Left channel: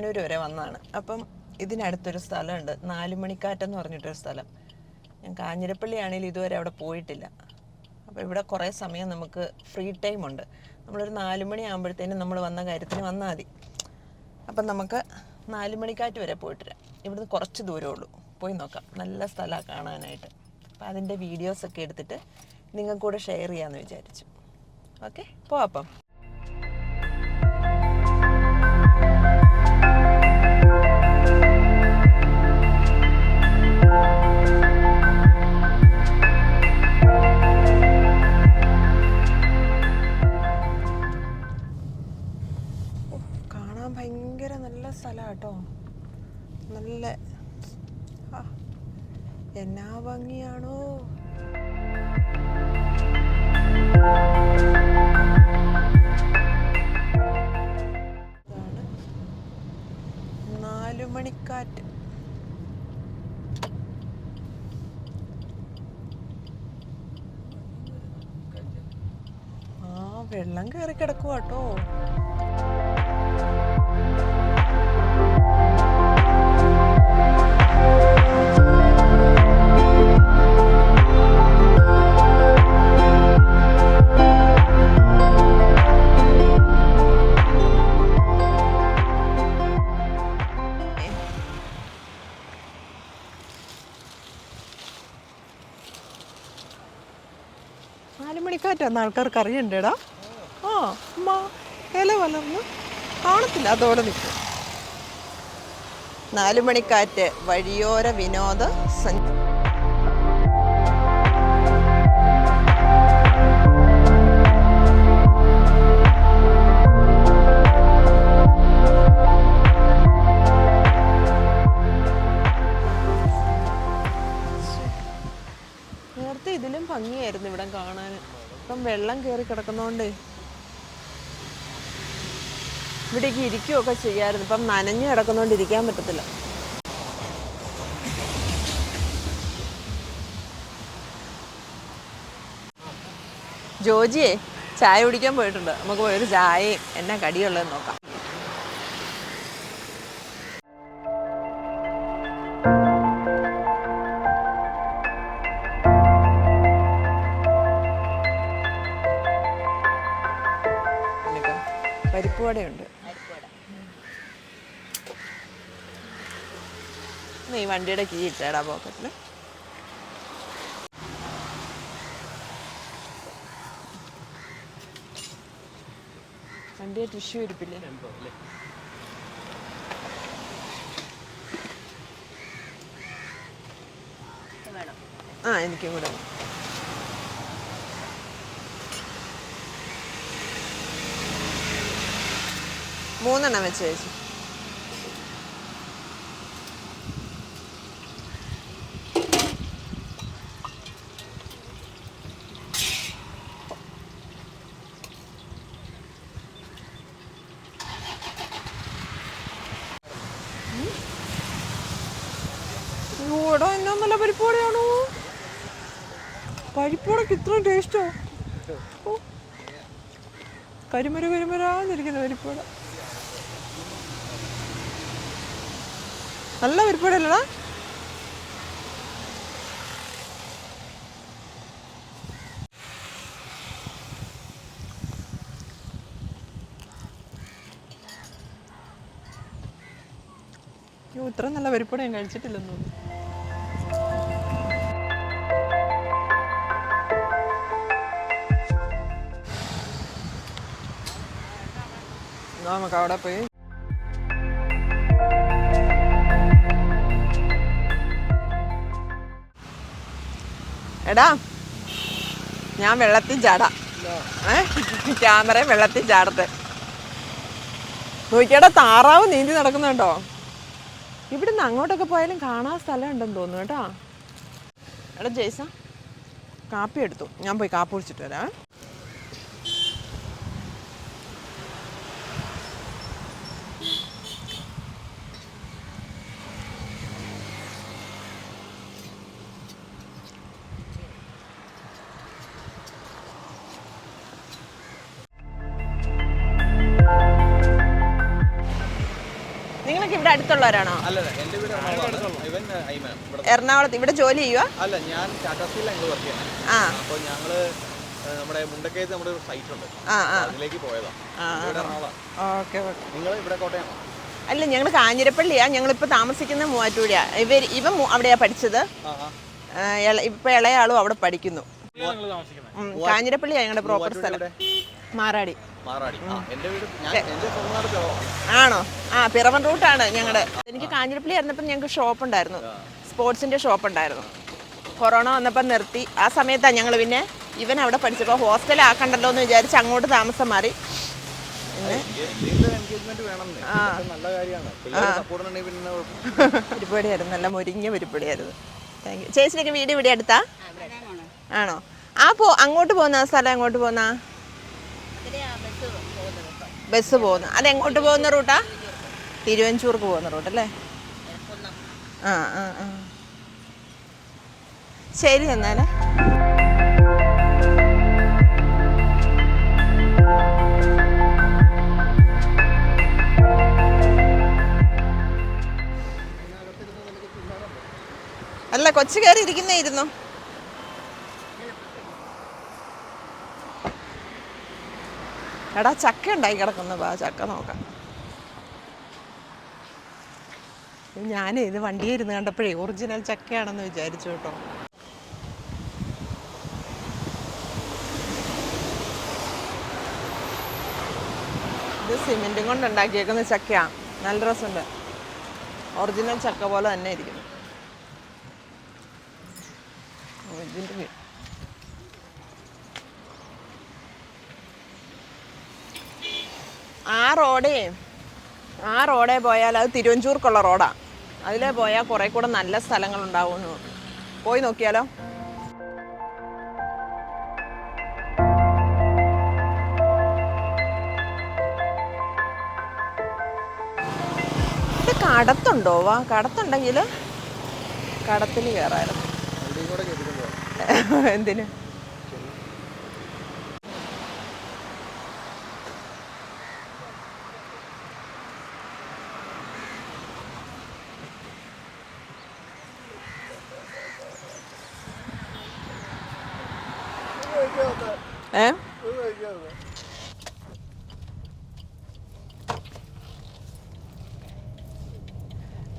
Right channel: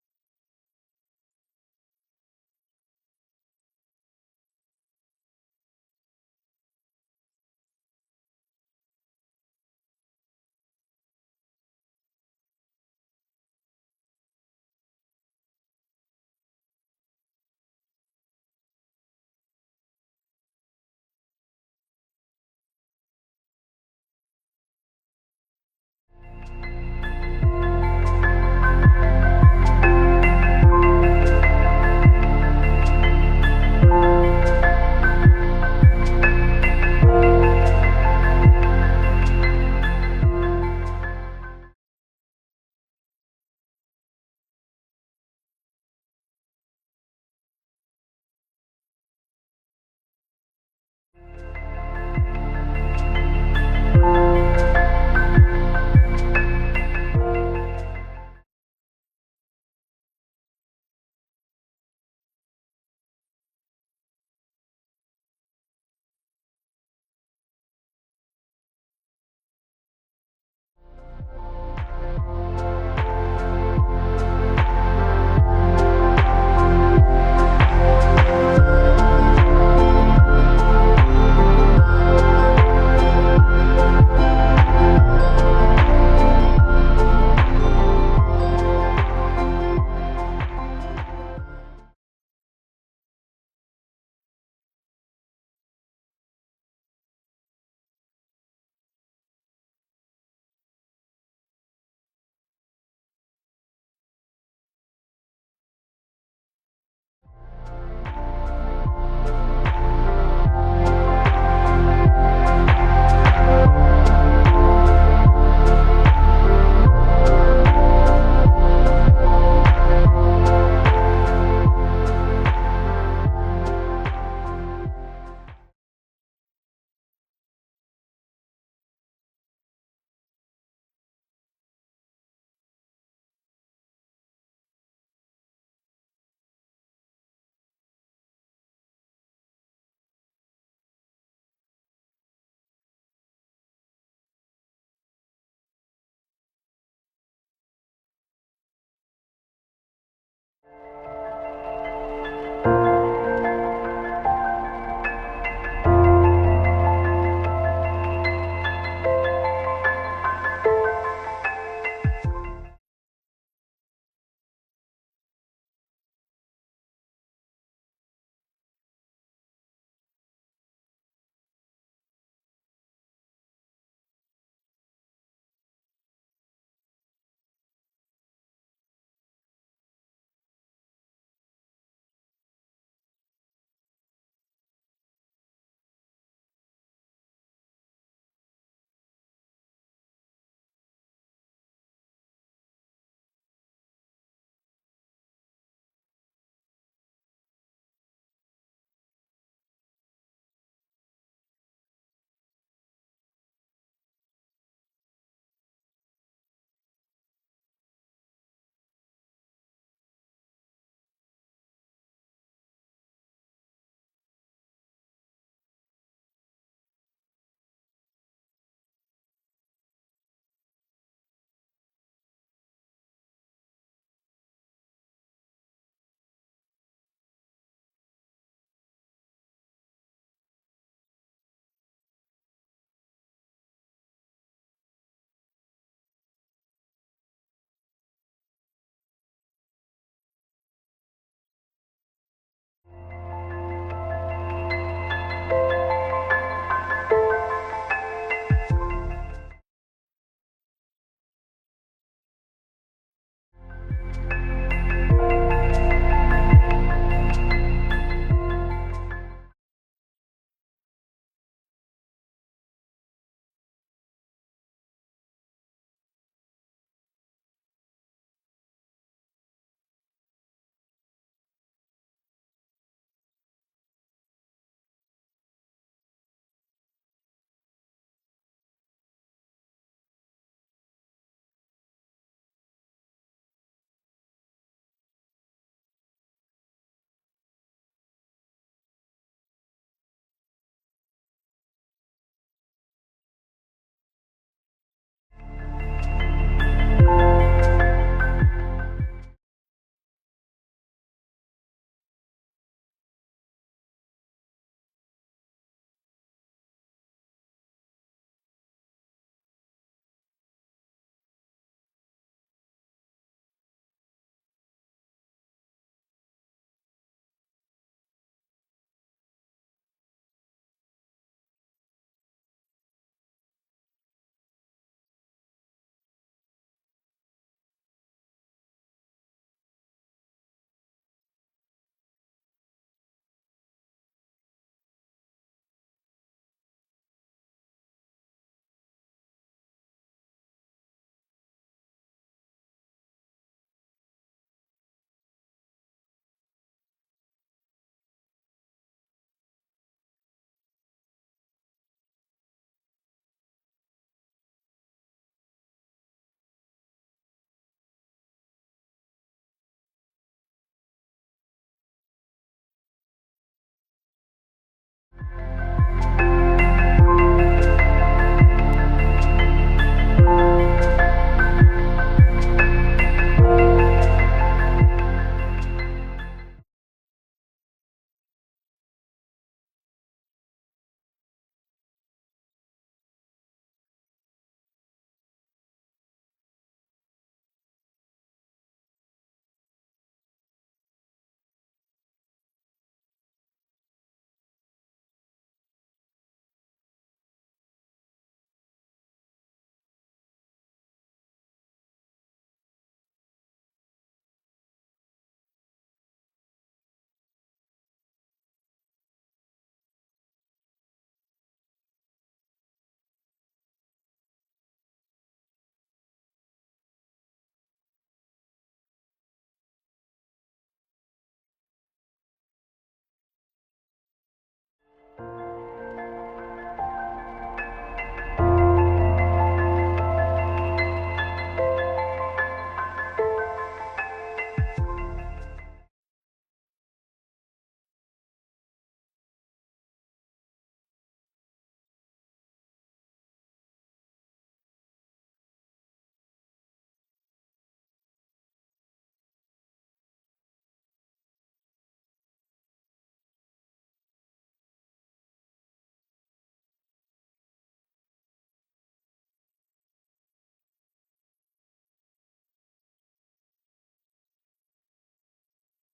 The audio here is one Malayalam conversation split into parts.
ഏറ്റുമാനൂർ വരെ വന്നതാണ്. അപ്പം ഇതിനടുത്തൊരു സ്ഥലമുണ്ട്, നാലുമണിക്കാറ്റെന്ന് പറഞ്ഞിട്ടൊരു സ്ഥലം. ഞാൻ കാഞ്ഞിരപ്പള്ളി ആണെങ്കിലും ഇതുവരെ അവിടെ പോയിട്ടില്ല. അപ്പോൾ ഇവിടെ കുറേ സമയം നമുക്ക് ഫ്രീ ടൈം ഉണ്ട്. നമ്മളൊരു 4 മണി ആകുമ്പോഴത്തേനും നമ്മൾ വന്ന കാര്യത്തിന് വന്നാൽ മതി. അപ്പം നമുക്ക് നാലുമണിക്കാറ്റ് വരെ പോയിട്ട് വരാം. ഇവിടുന്ന് കുറച്ച് ദൂരമേ ഉള്ളൂ, പോയി നോക്കാം. നല്ല സ്ഥലമാണ് കാണാനായിട്ട്. അപ്പം അതിൻ്റെ വീഡിയോസൊക്കെ എടുത്തിട്ട് നിങ്ങൾക്ക് കൂടെ ഷെയർ ചെയ്യാമെന്ന് വിചാരിച്ചു. ഓക്കെ, പോവാം അപ്പം. കാണാൻ ഭയങ്കര നല്ല സ്ഥലമാണ് കേട്ടോ. നല്ല എന്നാ ഭംഗിയാണോ. നാലുമണിക്കാറ്റ്. വെള്ളം കയറി കിടക്കുക കേട്ടോ. നാലുമണിക്കാറ്റാന്ന് ആൾക്കാർക്ക് അറിയണ്ടേടാ. അമ്മ ഇല വളർന്ന് കാണത്തില്ല, അതോടെ നിൽക്കും. നാലുമണിക്കാറ്റ് വഴിയോര വിനോദ നേരത്തെ ഇതിലും ഭംഗിയായിരുന്നു ഇവിടെ കാണാൻ. ഇപ്പം വെള്ളം കയറി കിടക്കുന്നോണ്ട് ഇവിടേക്ക് ഇരിക്കുകയൊക്കെ ചെയ്യാമായിരുന്നു. ഇപ്പം നനഞ്ഞു കിടക്കുന്നോണ്ട് ഇരിക്കാൻ പറ്റത്തില്ല. ജോജിയെ ചായ കുടിക്കാൻ പോയിട്ടുണ്ട്. നമുക്ക് പോയൊരു ചായയും എന്നാ കടിയുള്ളതെന്ന് നോക്കാം. പരിപ്പുവടയുണ്ട്. ഈ വണ്ടിയുടെ കീ ഇട്ടേടാ പോക്കറ്റിൽ. വണ്ടിയെ ടിഷ്യൂ ഇരിപ്പില്ലേ? എനിക്കും കൂടെ. മൂന്നെണ്ണം വെച്ച് ചേച്ചി. ഇവിടെ എന്നാ നല്ല പരിപ്പുവടയാണോ. പരിപ്പുവടക്ക് ഇത്രയും ടേസ്റ്റോ. കരിമരാന്നിരിക്കുന്ന പരിപ്പുവട. നല്ല പരിപ്പുവടയല്ലടാ. ഇത്ര നല്ല പരിപ്പുവട ഞാൻ കഴിച്ചിട്ടില്ലെന്ന് തോന്നുന്നു. നമുക്ക് അവിടെ പോയി എടാ, ഞാൻ വെള്ളത്തിൽ ചാടാം. ക്യാമറയും വെള്ളത്തിൽ ചാടത്തെ നോക്കിയാടാ. താറാവ് നീന്തി നടക്കുന്നുണ്ടോ. ഇവിടുന്ന് അങ്ങോട്ടൊക്കെ പോയാലും കാണാൻ സ്ഥലം ഉണ്ടെന്ന് തോന്നുന്നു കേട്ടോ. എടാ ജയ്സ, കാപ്പി എടുത്തു. ഞാൻ പോയി കാപ്പി കുടിച്ചിട്ട് വരാം. ഇവിടെ അടുത്തുള്ളവരാണോ? എറണാകുളത്ത്. ഇവിടെ ജോലി ചെയ്യുക? അല്ല, ഞാൻ ടാറ്റാ സ്റ്റീലിലാണ് വർക്ക് ചെയ്യുന്നത്. അപ്പോൾ ഞങ്ങള് നമ്മുടെ മുണ്ടക്കയത്ത് നമ്മുടെ ഒരു സൈറ്റ് ഉണ്ട്, അതിലേക്ക് പോയതാ. നിങ്ങൾ ഇവിടെ കോട്ടയമാണോ? അല്ല, ഞങ്ങൾ കാഞ്ഞിരപ്പള്ളിയാ. ഞങ്ങളിപ്പോൾ താമസിക്കുന്ന മൂവാറ്റുപുഴയാ. ഇവൻ അവിടെയാ പഠിച്ചത്. ഇപ്പൊ ഇളയാളും അവിടെ പഠിക്കുന്നു. കാഞ്ഞിരപ്പള്ളിയാ ഞങ്ങളുടെ പ്രോപ്പർ സ്ഥലം. മാറാടി. ആണോ? പിറവൻ റൂട്ടാണ് ഞങ്ങളുടെ. എനിക്ക് കാഞ്ഞിരപ്പള്ളി ആയിരുന്നപ്പോൾ ഞങ്ങൾക്ക് ഷോപ്പ് ഉണ്ടായിരുന്നു, സ്പോർട്സിന്റെ ഷോപ്പ് ഉണ്ടായിരുന്നു. കൊറോണ വന്നപ്പോൾ നിർത്തി. ആ സമയത്താണ് ഞങ്ങൾ പിന്നെ ഇവൻ അവിടെ പഠിച്ചപ്പോൾ ഹോസ്റ്റലാക്കണ്ടല്ലോ എന്ന് വിചാരിച്ച് അങ്ങോട്ട് താമസം മാറി. പരിപാടിയായിരുന്നു, നല്ല മുരിഞ്ഞ പരിപാടിയായിരുന്നു. Thank you. ചേച്ചിയൊക്കെ വീട് ഇവിടെ അടുത്താ ആണോ? അങ്ങോട്ട് പോകുന്ന സ്ഥലം എങ്ങോട്ട് പോകുന്ന? ബസ് പോകുന്നു. അതെങ്ങോട്ട് പോകുന്ന റൂട്ടാ? തിരുവഞ്ചൂർക്ക് പോകുന്ന റൂട്ടല്ലേ? ശരി എന്നാല്. അല്ല, കൊച്ചു കയറി ഇരിക്കുന്നേയിരുന്നു. എടാ, ചക്ക ഉണ്ടായി കിടക്കുന്നു. ചക്ക നോക്കാം. ഞാനേ ഇത് വണ്ടിയിൽ ഇരുന്ന് കണ്ടപ്പോഴേ ഒറിജിനൽ ചക്കയാണെന്ന് വിചാരിച്ചു കേട്ടോ. ഇത് സിമെന്റും കൊണ്ട് ഉണ്ടാക്കിയേക്കുന്ന ചക്കയാണ്. നല്ല രസമുണ്ട്. ഒറിജിനൽ ചക്ക പോലെ തന്നെ ഇരിക്കുന്നു. ഇതിൻ്റെ ആ റോഡേ പോയാൽ അത് തിരുവഞ്ചൂർക്കുള്ള റോഡാണ്. അതിലേ പോയാൽ കുറേ കൂടെ നല്ല സ്ഥലങ്ങളുണ്ടാവുമെന്ന്. പോയി നോക്കിയാലോ? ഇത് കടത്തുണ്ടോ? കടത്തുണ്ടെങ്കിൽ കടത്തിൽ കയറായിരുന്നു. എന്തിന്?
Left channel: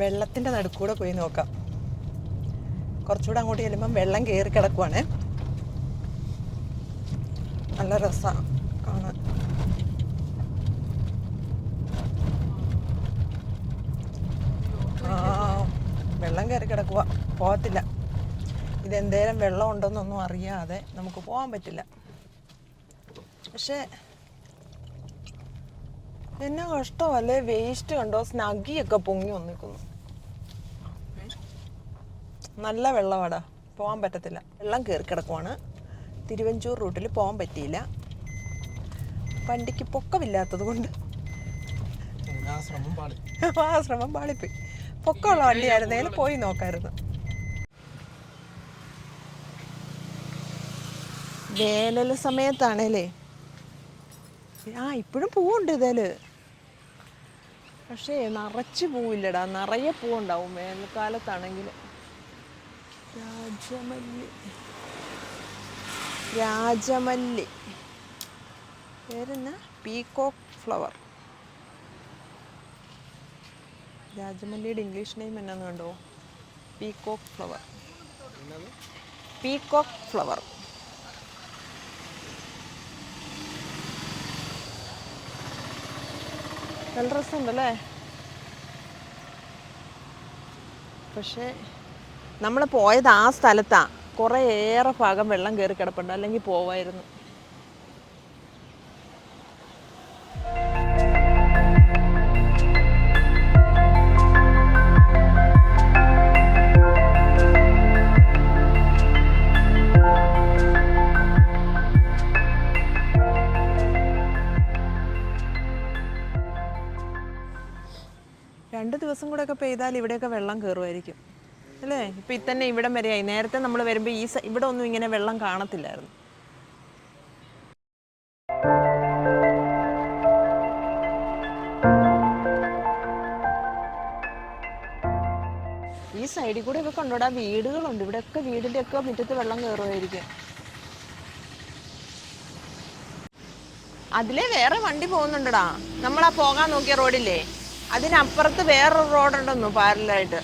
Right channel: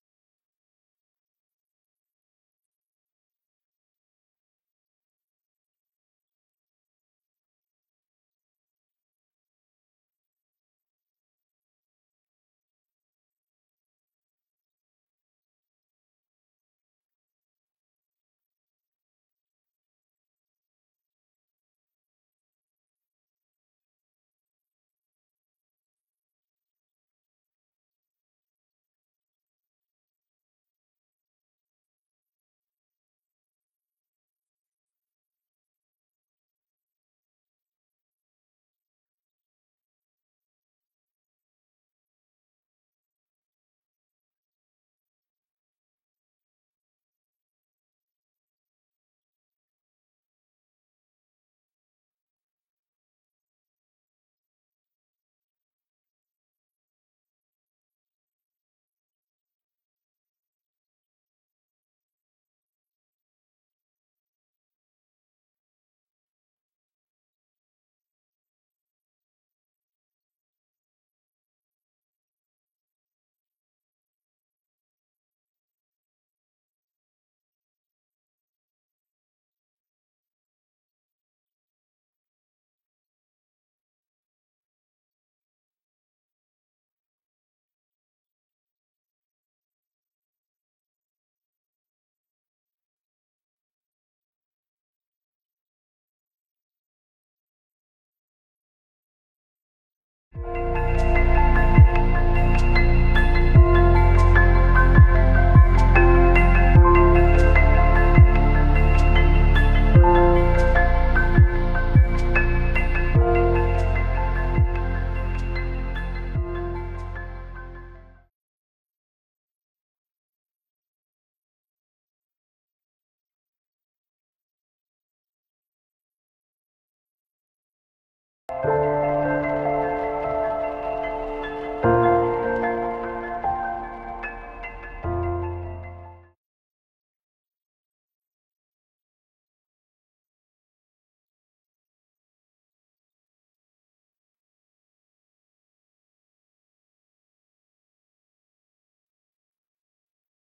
വെള്ളത്തിൻ്റെ നടുക്കൂടെ പോയി നോക്കാം. കുറച്ചുകൂടെ അങ്ങോട്ട് ചെല്ലുമ്പം വെള്ളം കയറി കിടക്കുവാണ്. നല്ല രസമാണ് കാണാൻ. വെള്ളം കയറി കിടക്കുക. പോകത്തില്ല. ഇതെന്തേലും വെള്ളം ഉണ്ടെന്നൊന്നും അറിയാതെ നമുക്ക് പോകാൻ പറ്റില്ല. പക്ഷേ എന്നാ കഷ്ടമല്ലേ? വേസ്റ്റ് കണ്ടോ? സ്നഗിയൊക്കെ പൊങ്ങി വന്നിരിക്കുന്നു. നല്ല വെള്ളമാടാ, പോകാൻ പറ്റത്തില്ല. വെള്ളം കയറി കിടക്കുവാണ്. തിരുവഞ്ചൂർ റൂട്ടിൽ പോകാൻ പറ്റിയില്ല. വണ്ടിക്ക് പൊക്കമില്ലാത്തത് കൊണ്ട് ശ്രമം പാളിപ്പോയി. പൊക്കമുള്ള വണ്ടിയായിരുന്നേലും പോയി നോക്കായിരുന്നു. വേനൽ സമയത്താണേലേ ഇപ്പോഴും പൂവുണ്ട് ഇതില്. പക്ഷേ നിറച്ച് പൂവില്ലടാ, നിറയെ പൂവുണ്ടാവും വേനൽക്കാലത്താണെങ്കിൽ. രാജമല്ലി പേരെന്നാ? Peacock flower. രാജമല്ലിയുടെ ഇംഗ്ലീഷ് നെയിം എന്നാന്ന് കണ്ടോ? Peacock flower. Peacock flower. നല്ല രസമുണ്ടല്ലേ? പക്ഷേ നമ്മൾ പോയത് ആ സ്ഥലത്താണ്. കുറേ ഏറെ ഭാഗം വെള്ളം കയറി കിടപ്പുണ്ട്, അല്ലെങ്കിൽ പോവായിരുന്നു. ദിവസം കൂടെ ഒക്കെ പെയ്താൽ ഇവിടെയൊക്കെ വെള്ളം കയറുമായിരിക്കും അല്ലേ? ഇപ്പം ഇത്തന്നെ ഇവിടം വരെയായി. നേരത്തെ നമ്മൾ വരുമ്പോൾ ഇവിടെ ഒന്നും ഇങ്ങനെ വെള്ളം കാണത്തില്ലായിരുന്നു. സൈഡിൽ കൂടെ ഒക്കെ കൊണ്ടോടാ വീടുകളുണ്ട്. ഇവിടെയൊക്കെ വീടിൻ്റെ ഒക്കെ മുറ്റത്ത് വെള്ളം കയറുമായിരിക്കും. അതിലെ വേറെ വണ്ടി പോകുന്നുണ്ടടാ. നമ്മളാ പോകാൻ നോക്കിയ റോഡില്ലേ, അതിനപ്പുറത്ത് വേറൊരു റോഡുണ്ടെന്നു പാരലായിട്ട്.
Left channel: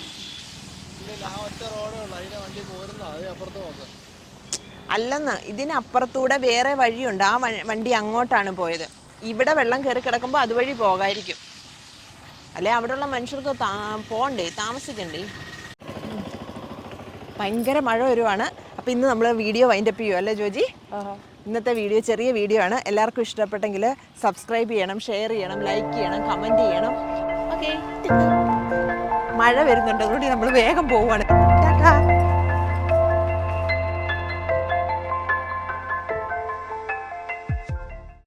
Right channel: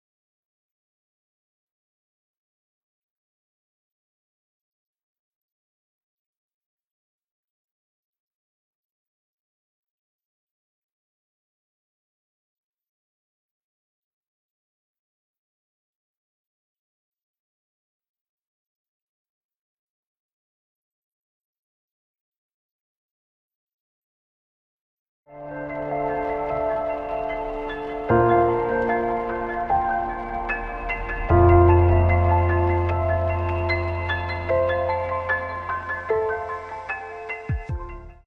അല്ലെന്ന്, ഇതിനപ്പുറത്തൂടെ വേറെ വഴിയുണ്ട്. ആ വണ്ടി അങ്ങോട്ടാണ് പോയത്. ഇവിടെ വെള്ളം കയറി കിടക്കുമ്പോൾ അതുവഴി പോകായിരിക്കും. അല്ലെ അവിടെയുള്ള മനുഷ്യർക്ക് പോകണ്ടേ, താമസിക്കണ്ടേ. ഭയങ്കര മഴ വരുവാണ്. അപ്പം ഇന്ന് നമ്മൾ വീഡിയോ വൈൻഡപ്പ് ചെയ്യുമോ അല്ലേ ജോജി? ഇന്നത്തെ വീഡിയോ ചെറിയ വീഡിയോ ആണ്. എല്ലാവർക്കും ഇഷ്ടപ്പെട്ടെങ്കിൽ സബ്സ്ക്രൈബ് ചെയ്യണം, ഷെയർ ചെയ്യണം, ലൈക്ക് ചെയ്യണം, കമൻറ്റ് ചെയ്യണം. ഓക്കെ, മഴ വരുന്നുണ്ട്, അതുകൊണ്ട് നമ്മൾ വേഗം പോവുകയാണ്.